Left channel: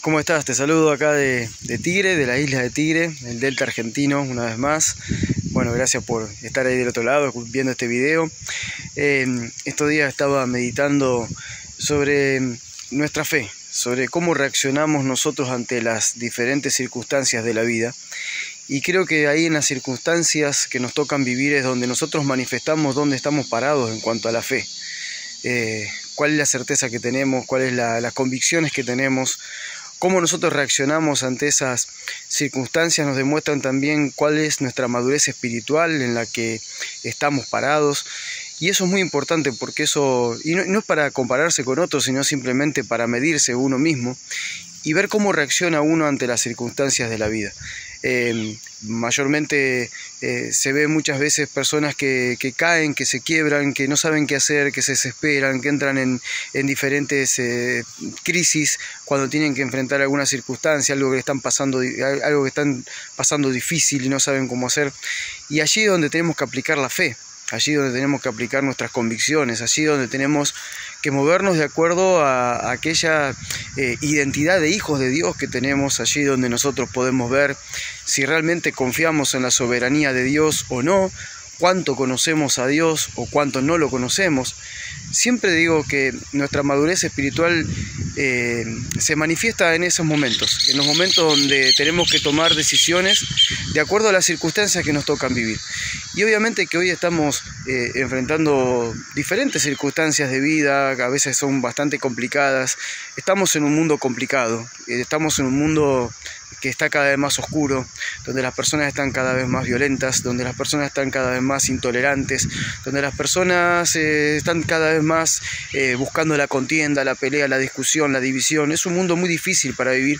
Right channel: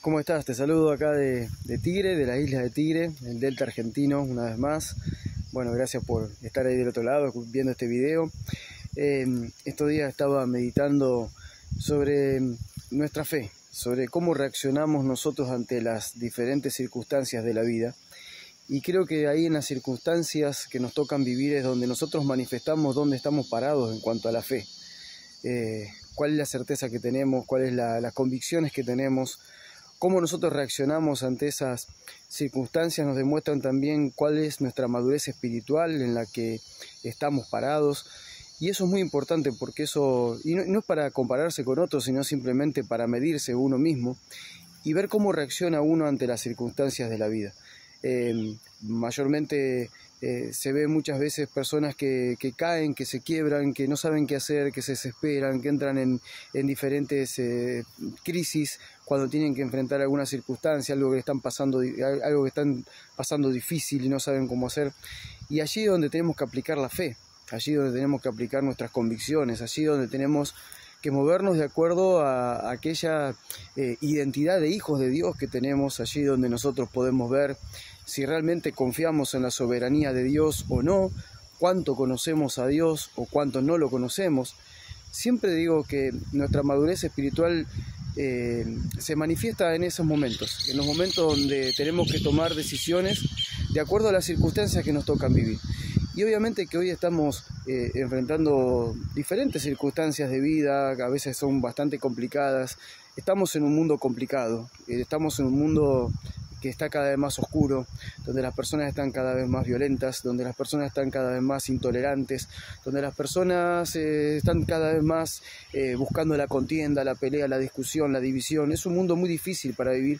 ¿Cómo estás? Te saludo acá de Tigre, de la isla de Tigre, el delta argentino, una vez más. Bueno, gracias por estar ahí del otro lado viendo este video. Estos días estaba meditando sobre nuestra fe, sobre cómo reaccionamos nosotros ante las diferentes circunstancias de la vida. Y creo que ahí en las circunstancias que nos tocan vivir es donde nosotros manifestamos dónde estamos parados en cuanto a la fe. Cuál es la certeza que tenemos, cuáles las convicciones que tenemos, cómo nosotros reaccionamos ante esas circunstancias nos demuestran también cuál es nuestra madurez espiritual en la que estamos parados. Y eso es muy importante porque eso, y no es para compararse con otros, sino simplemente para medirse uno mismo y ver cómo reacciona uno ante las circunstancias de la vida. Mayormente se ve muchas veces personas que caen, que se quiebran, que no saben qué hacer, que se desesperan, que entran en diferentes crisis cuando tienen que enfrentar alguna circunstancia, algo que están pasando difícil y no saben cómo hacer. Y allí es donde tenemos que aplicar la fe, allí donde tenemos que aplicar nuestras convicciones, allí donde tenemos que movernos de acuerdo a aquella identidad de hijos de Dios que tenemos, allí donde nosotros podemos ver si realmente confiamos en la soberanía de Dios o no, cuánto conocemos a Dios o cuánto no lo conocemos. Siempre digo que nuestra madurez espiritual se manifiesta en esos momentos, en los momentos donde tenemos que tomar decisiones de acuerdo a las circunstancias que nos tocan vivir. Y obviamente que hoy estamos enfrentando diferentes circunstancias de vida, que a veces son bastante complicadas. Estamos en un mundo complicado, estamos en un mundo que está cada vez más oscuro, donde las personas están cada vez más violentas, donde las personas están cada vez más intolerantes, donde las personas están cada vez más buscando la contienda, la pelea, la discusión, la división. Es un mundo muy difícil para vivir.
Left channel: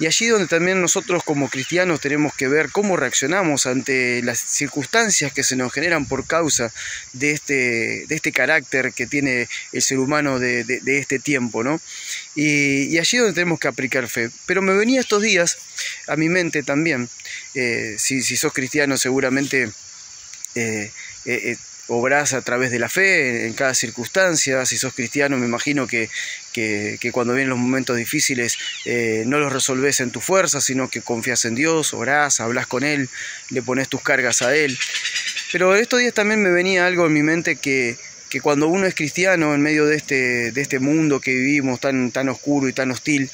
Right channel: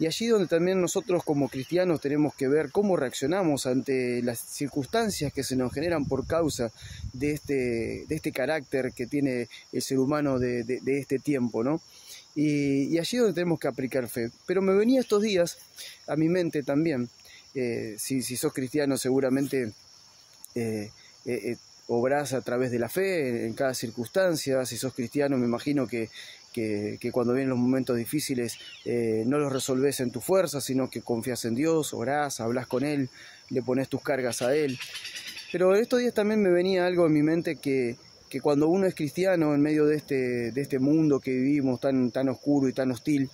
Y allí donde también nosotros como cristianos tenemos que ver cómo reaccionamos ante las circunstancias que se nos generan por causa de este carácter que tiene el ser humano de este tiempo, ¿no? Y allí donde tenemos que aplicar fe. Pero me venía estos días a mi mente también, si sos cristiano seguramente obrás a través de la fe en cada circunstancia. Si sos cristiano me imagino que cuando vienen los momentos difíciles no los resolvés en tu fuerza, sino que confías en Dios, orás, hablas con Él, le pones tus cargas a Él. Pero estos días también me venía algo en mi mente que cuando uno es cristiano en medio de este mundo que vivimos tan oscuro y tan hostil,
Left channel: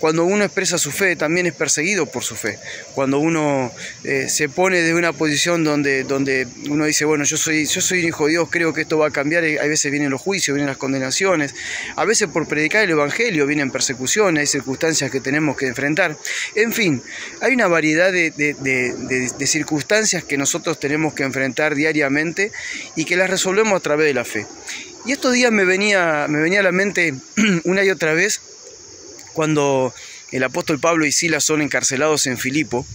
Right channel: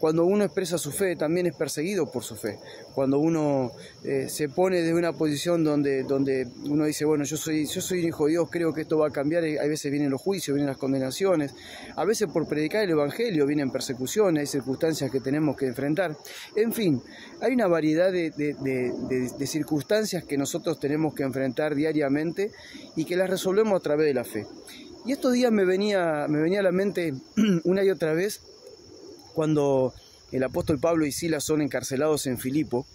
cuando uno expresa su fe también es perseguido por su fe. Cuando uno se pone de una posición donde uno dice, bueno, yo soy un hijo de Dios, creo que esto va a cambiar, a veces vienen los juicios, vienen las condenaciones, a veces por predicar el evangelio vienen persecuciones, hay circunstancias que tenemos que enfrentar. En fin, hay una variedad de circunstancias que nosotros tenemos que enfrentar diariamente y que las resolvemos a través de la fe. Y estos días me venía a la mente una y otra vez cuando el apóstol Pablo y Silas son encarcelados en Filipo.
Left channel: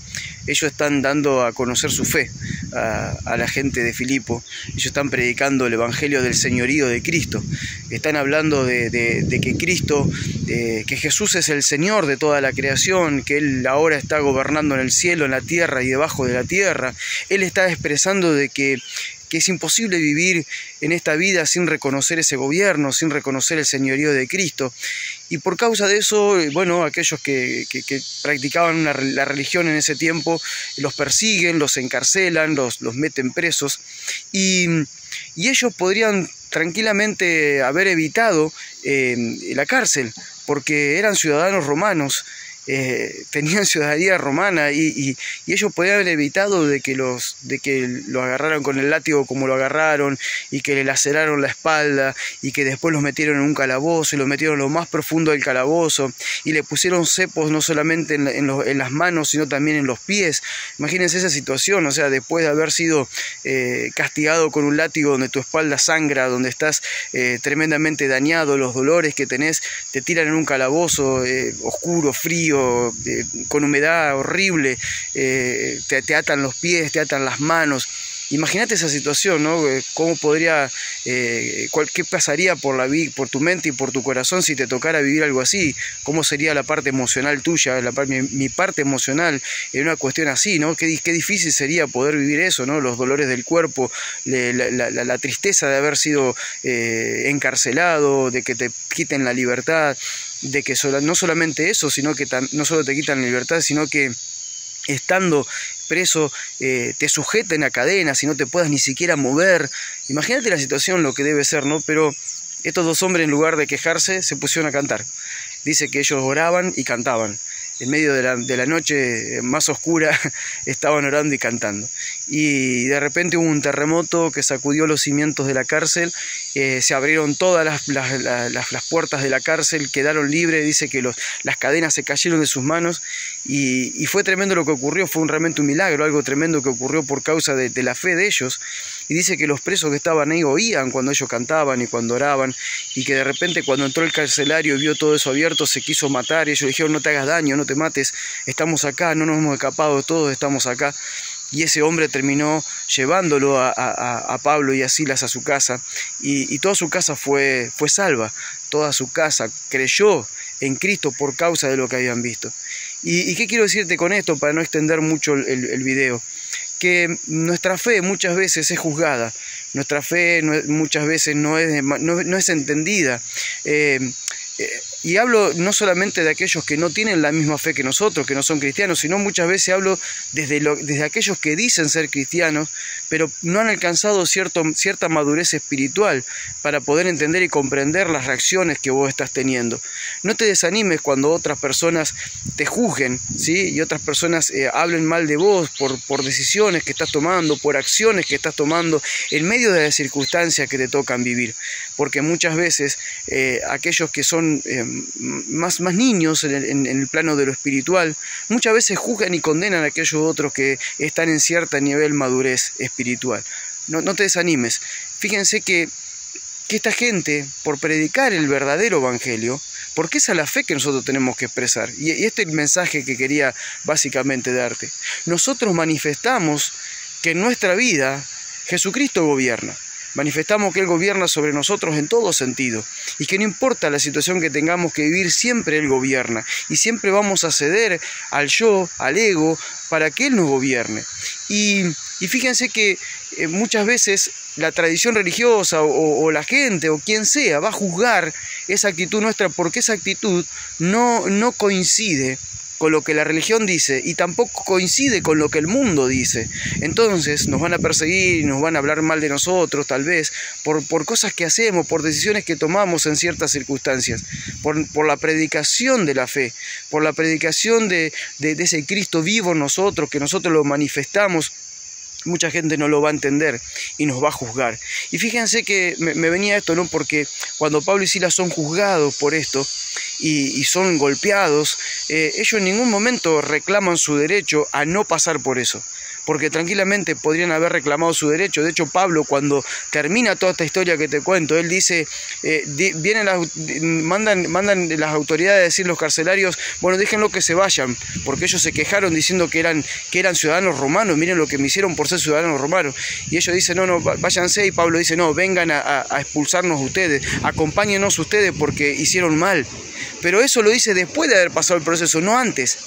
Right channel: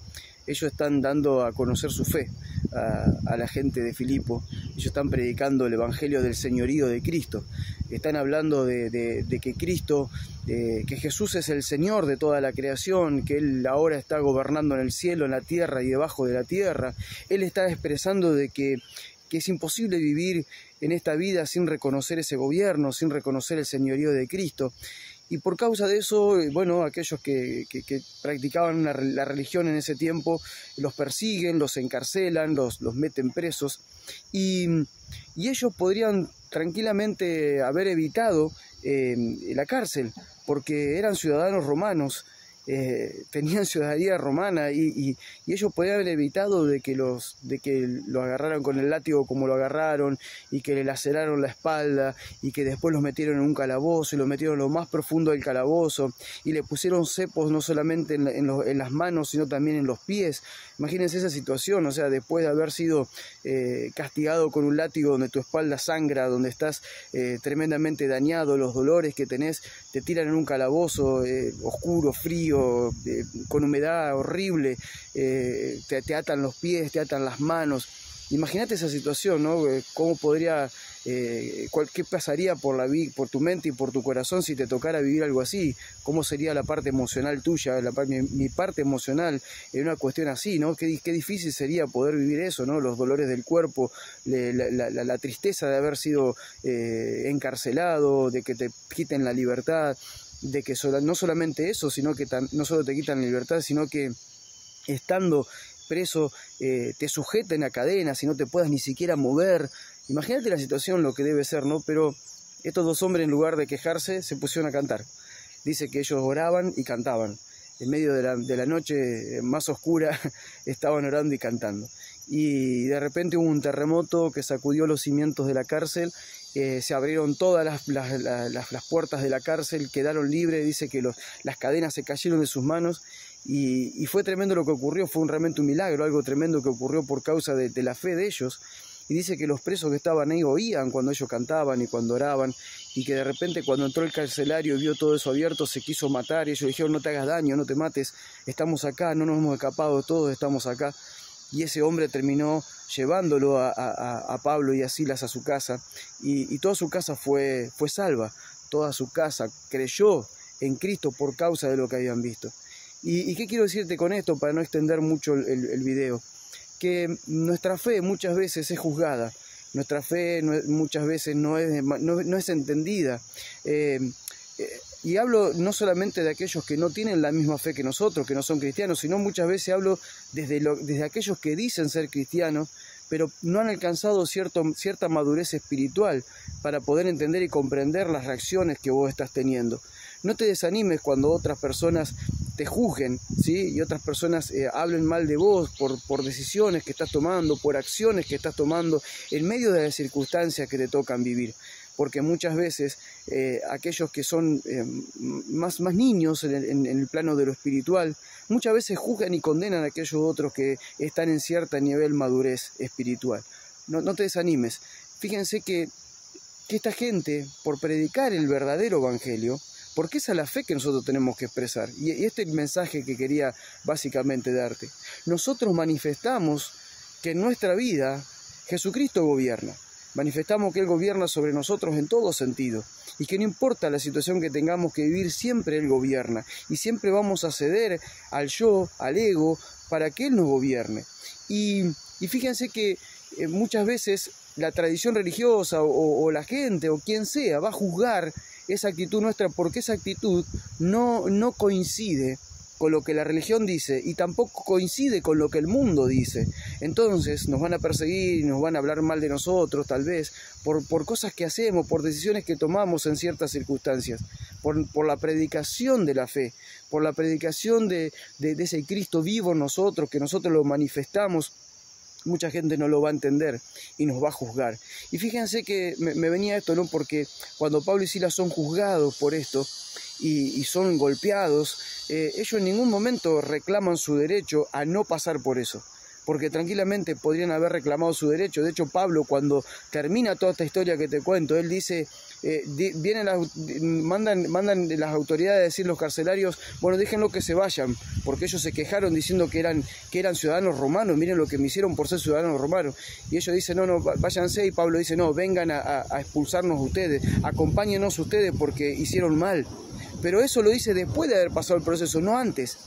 Ellos están dando a conocer su fe a la gente de Filipo. Ellos están predicando el evangelio del señorío de Cristo. Están hablando de que Cristo, que Jesús es el Señor de toda la creación, que Él ahora está gobernando en el cielo, en la tierra y debajo de la tierra. Él está expresando de que es imposible vivir en esta vida sin reconocer ese gobierno, sin reconocer el señorío de Cristo. Y por causa de eso, bueno, aquellos que practicaban la religión en ese tiempo, los persiguen, los encarcelan, los meten presos. Y ellos podrían tranquilamente haber evitado la cárcel, porque eran ciudadanos romanos. Tenían ciudadanía romana y ellos podían haber evitado de que lo agarraran con el látigo como lo agarraron y que le laceraron la espalda y que después los metieron en un calabozo y los metieron en lo más profundo del calabozo y le pusieron cepos no solamente en las manos sino también en los pies. Imagínense esa situación, o sea, después de haber sido castigado con un látigo donde tu espalda sangra, donde estás tremendamente dañado, los dolores que tenés, te tiran en un calabozo oscuro, frío, con humedad horrible, te atan los pies, te atan las manos. Imagínate esa situación, ¿no? ¿Cómo podría, qué pasaría por tu mente y por tu corazón si te tocara vivir algo así? ¿Cómo sería la parte emocional tuya, mi parte emocional en una cuestión así, ¿no? Qué difícil sería poder vivir eso, ¿no? Los dolores del cuerpo, la tristeza de haber sido encarcelado, de que te quiten la libertad, de que no solamente eso, sino que no solo te quitan la libertad, sino que estando preso te sujeten a cadenas y no te puedas ni siquiera mover. Imagínate la situación, lo que debe ser, ¿no? Pero estos dos hombres, en lugar de quejarse, se pusieron a cantar. Dice que ellos oraban y cantaban. En medio de la noche más oscura estaban orando y cantando. Y de repente hubo un terremoto que sacudió los cimientos de la cárcel, se abrieron todas las puertas de la cárcel, quedaron libres, dice que las cadenas se cayeron de sus manos y fue tremendo lo que ocurrió, fue realmente un milagro, algo tremendo que ocurrió por causa de la fe de ellos. Y dice que los presos que estaban ahí oían cuando ellos cantaban y cuando oraban, y que de repente cuando entró el carcelario y vio todo eso abierto se quiso matar, y ellos le dijeron: no te hagas daño, no te mates, estamos acá, no nos hemos escapado, todos estamos acá. Y ese hombre terminó llevándolo a Pablo y a Silas a su casa, y toda su casa fue salva, toda su casa creyó en Cristo por causa de lo que habían visto. ¿Y qué quiero decirte con esto para no extender mucho el video? Que nuestra fe muchas veces es juzgada, nuestra fe muchas veces no es entendida. Y hablo no solamente de aquellos que no tienen la misma fe que nosotros, que no son cristianos, sino muchas veces hablo desde aquellos que dicen ser cristianos, pero no han alcanzado cierta madurez espiritual para poder entender y comprender las reacciones que vos estás teniendo. No te desanimes cuando otras personas te juzguen, ¿sí? Y otras personas hablen mal de vos por decisiones que estás tomando, por acciones que estás tomando en medio de las circunstancias que te tocan vivir. Porque muchas veces aquellos que son más niños en el plano de lo espiritual, muchas veces juzgan y condenan a aquellos otros que están en cierto nivel de madurez espiritual. No te desanimes. Fíjense que esta gente, por predicar el verdadero evangelio, porque esa es la fe que nosotros tenemos que expresar, y este es el mensaje que quería básicamente darte. Nosotros manifestamos que en nuestra vida Jesucristo gobierna. Manifestamos que Él gobierna sobre nosotros en todo sentido y que no importa la situación que tengamos que vivir, siempre Él gobierna y siempre vamos a ceder al yo, al ego, para que Él nos gobierne. Y fíjense que muchas veces la tradición religiosa o la gente o quien sea va a juzgar esa actitud nuestra porque esa actitud no coincide con lo que la religión dice y tampoco coincide con lo que el mundo dice. Entonces nos van a perseguir, nos van a hablar mal de nosotros tal vez por cosas que hacemos, por decisiones que tomamos en ciertas circunstancias, por la predicación de la fe, por la predicación de ese Cristo vivo en nosotros, que nosotros lo manifestamos. Mucha gente no lo va a entender y nos va a juzgar. Y fíjense que me venía esto, ¿no? Porque cuando Pablo y Silas son juzgados por esto y son golpeados, ellos en ningún momento reclaman su derecho a no pasar por eso, porque tranquilamente podrían haber reclamado su derecho. De hecho, Pablo, cuando termina toda esta historia que te cuento, él dice, mandan las autoridades a decir, los carcelarios, bueno, déjenlo que se vayan, porque ellos se quejaron diciendo que eran ciudadanos romanos, miren lo que me hicieron por ser ciudadanos romanos. Y ellos dicen, no, váyanse, y Pablo dice, no, vengan a expulsarnos ustedes, acompáñenos ustedes porque hicieron mal. Pero eso lo dice después de haber pasado el proceso, no antes.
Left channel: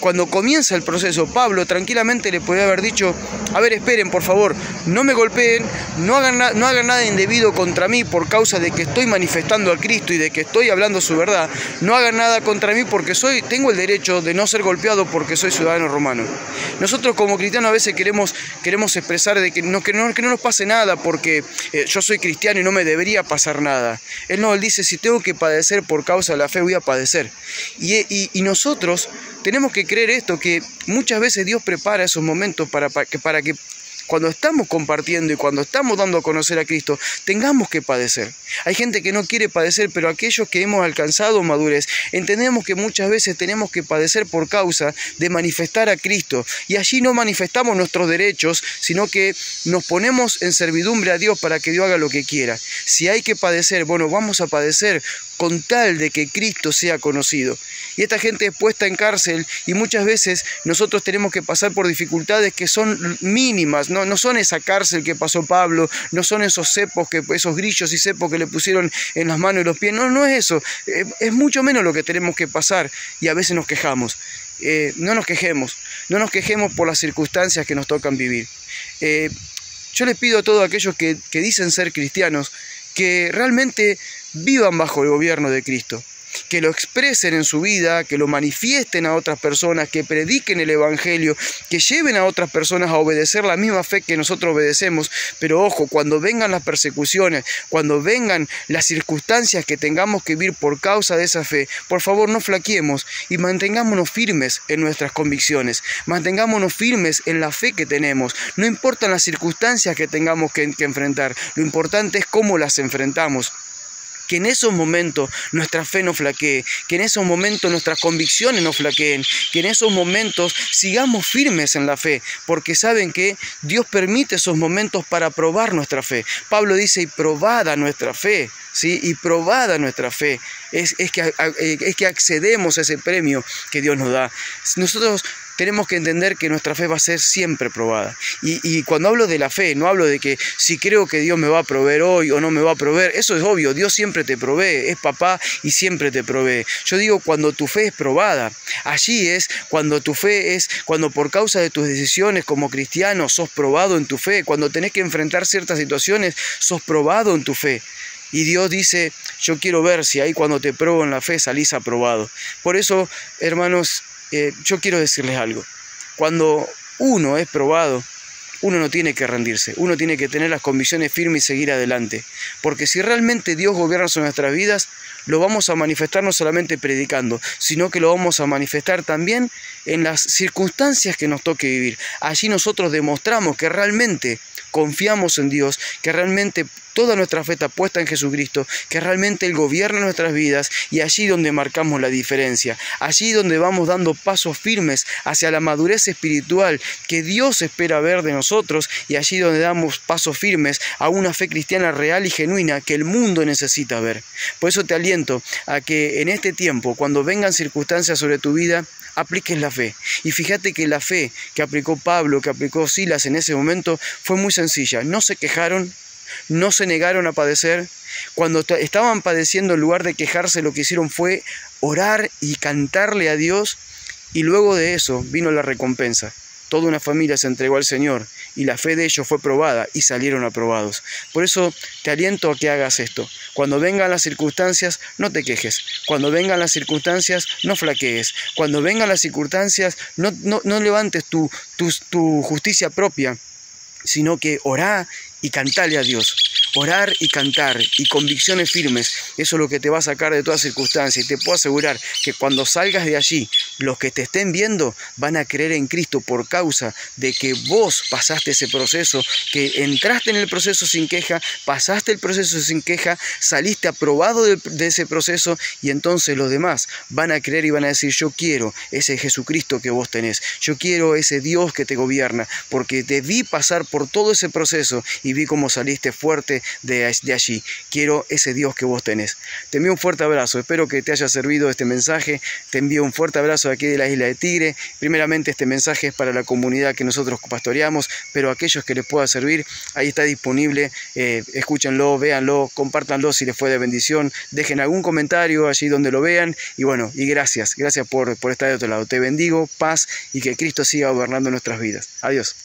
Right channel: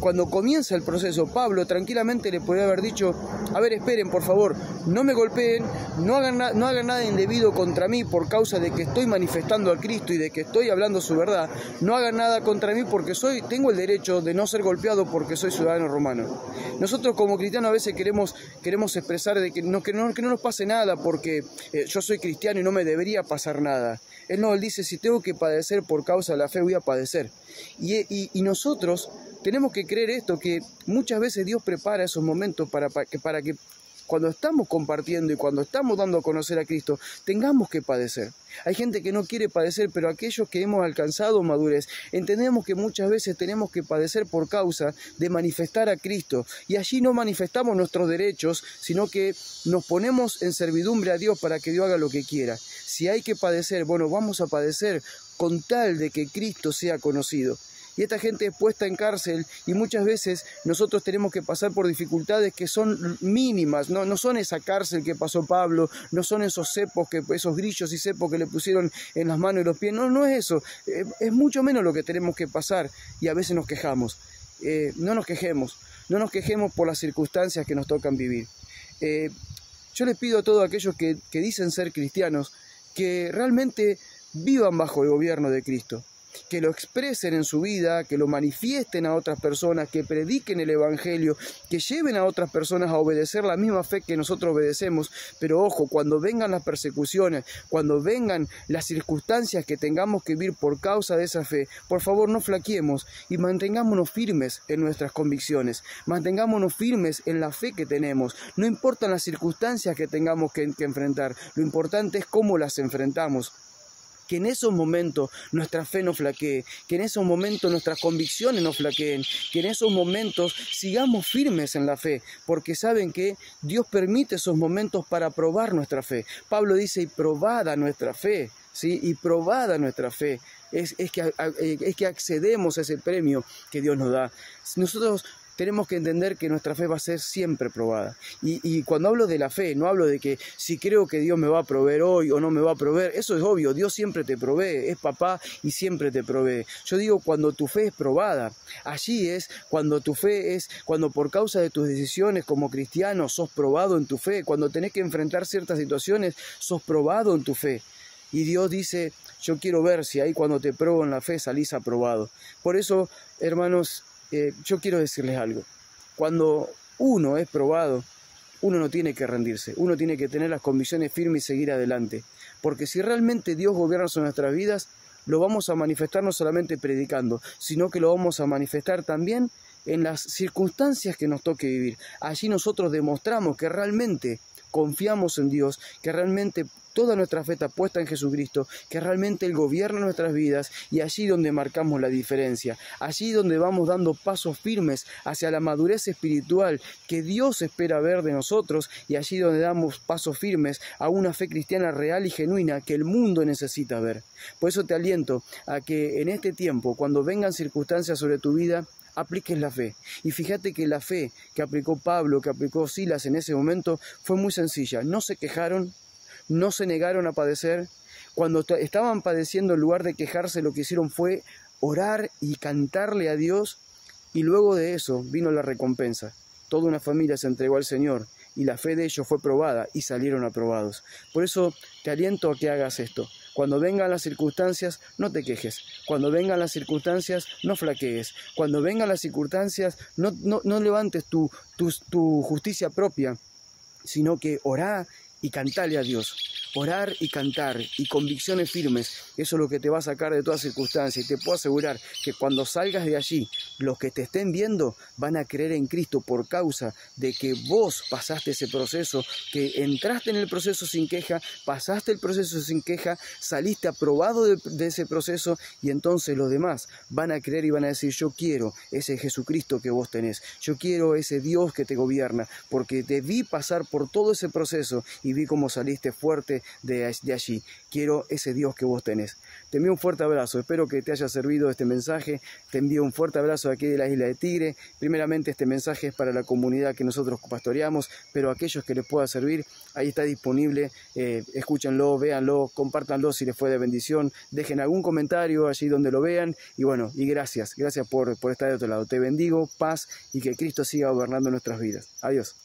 Cuando comienza el proceso, Pablo tranquilamente le podría haber dicho, a ver, esperen, por favor, no me golpeen, no hagan nada indebido contra mí por causa de que estoy manifestando a Cristo y de que estoy hablando su verdad. No hagan nada contra mí porque tengo el derecho de no ser golpeado porque soy ciudadano romano. Nosotros como cristianos a veces queremos expresar de que no nos pase nada porque yo soy cristiano y no me debería pasar nada. Él dice, si tengo que padecer por causa de la fe, voy a padecer. Y nosotros tenemos que creer esto, que muchas veces Dios prepara esos momentos para que cuando estamos compartiendo y cuando estamos dando a conocer a Cristo, tengamos que padecer. Hay gente que no quiere padecer, pero aquellos que hemos alcanzado madurez, entendemos que muchas veces tenemos que padecer por causa de manifestar a Cristo. Y allí no manifestamos nuestros derechos, sino que nos ponemos en servidumbre a Dios para que Dios haga lo que quiera. Si hay que padecer, bueno, vamos a padecer con tal de que Cristo sea conocido. y esta gente es puesta en cárcel, y muchas veces nosotros tenemos que pasar por dificultades que son mínimas, no son esa cárcel que pasó Pablo, no son esos grillos y cepos que le pusieron en las manos y los pies, no es eso, es mucho menos lo que tenemos que pasar, y a veces nos quejamos. No nos quejemos por las circunstancias que nos tocan vivir. Yo les pido a todos aquellos que dicen ser cristianos que realmente vivan bajo el gobierno de Cristo, que lo expresen en su vida, que lo manifiesten a otras personas, que prediquen el Evangelio, que lleven a otras personas a obedecer la misma fe que nosotros obedecemos. Pero ojo, cuando vengan las persecuciones, cuando vengan las circunstancias que tengamos que vivir por causa de esa fe, por favor no flaqueemos y mantengámonos firmes en nuestras convicciones, mantengámonos firmes en la fe que tenemos. No importan las circunstancias que tengamos que enfrentar, lo importante es cómo las enfrentamos. Que en esos momentos nuestra fe no flaquee, que en esos momentos nuestras convicciones no flaqueen, que en esos momentos sigamos firmes en la fe, porque saben que Dios permite esos momentos para probar nuestra fe. Pablo dice, y probada nuestra fe, ¿sí? Y probada nuestra fe, es que accedemos a ese premio que Dios nos da. Nosotros tenemos que entender que nuestra fe va a ser siempre probada. Y cuando hablo de la fe, no hablo de que si creo que Dios me va a proveer hoy o no me va a proveer. Eso es obvio, Dios siempre te provee, es papá y siempre te provee. Yo digo cuando tu fe es probada. Allí es cuando tu fe es, cuando por causa de tus decisiones como cristiano sos probado en tu fe. Cuando tenés que enfrentar ciertas situaciones, sos probado en tu fe. Y Dios dice, yo quiero ver si ahí cuando te pruebo en la fe salís aprobado. Por eso, hermanos, yo quiero decirles algo. Cuando uno es probado, uno no tiene que rendirse, uno tiene que tener las convicciones firmes y seguir adelante. Porque si realmente Dios gobierna sobre nuestras vidas, lo vamos a manifestar no solamente predicando, sino que lo vamos a manifestar también en las circunstancias que nos toque vivir. Allí nosotros demostramos que realmente confiamos en Dios, que realmente toda nuestra fe está puesta en Jesucristo, que realmente Él gobierna nuestras vidas, y allí donde marcamos la diferencia, allí donde vamos dando pasos firmes hacia la madurez espiritual que Dios espera ver de nosotros, y allí donde damos pasos firmes a una fe cristiana real y genuina que el mundo necesita ver. Por eso te aliento a que en este tiempo, cuando vengan circunstancias sobre tu vida, apliques la fe. Y fíjate que la fe que aplicó Pablo, que aplicó Silas en ese momento, fue muy sencilla. No se quejaron, no se negaron a padecer. Cuando estaban padeciendo, en lugar de quejarse, lo que hicieron fue orar y cantarle a Dios, y luego de eso vino la recompensa. Toda una familia se entregó al Señor, y la fe de ellos fue probada, y salieron aprobados. Por eso te aliento a que hagas esto. Cuando vengan las circunstancias, no te quejes. Cuando vengan las circunstancias, no flaquees. Cuando vengan las circunstancias, no levantes tu justicia propia, sino que orá y cantale a Dios. Orar y cantar y convicciones firmes, eso es lo que te va a sacar de toda circunstancia. Y te puedo asegurar que cuando salgas de allí, los que te estén viendo van a creer en Cristo por causa de que vos pasaste ese proceso, que entraste en el proceso sin queja, pasaste el proceso sin queja, saliste aprobado de ese proceso, y entonces los demás van a creer y van a decir, yo quiero ese Jesucristo que vos tenés, yo quiero ese Dios que te gobierna, porque te vi pasar por todo ese proceso y vi cómo saliste fuerte de allí. Quiero ese Dios que vos tenés. Te envío un fuerte abrazo, espero que te haya servido este mensaje. Te envío un fuerte abrazo de aquí de la isla de Tigre. Primeramente, este mensaje es para la comunidad que nosotros pastoreamos, pero aquellos que les pueda servir, ahí está disponible. Escúchenlo, véanlo, compártanlo si les fue de bendición, dejen algún comentario allí donde lo vean, y bueno, y gracias por estar de otro lado. Te bendigo, paz, y que Cristo siga gobernando nuestras vidas. Adiós.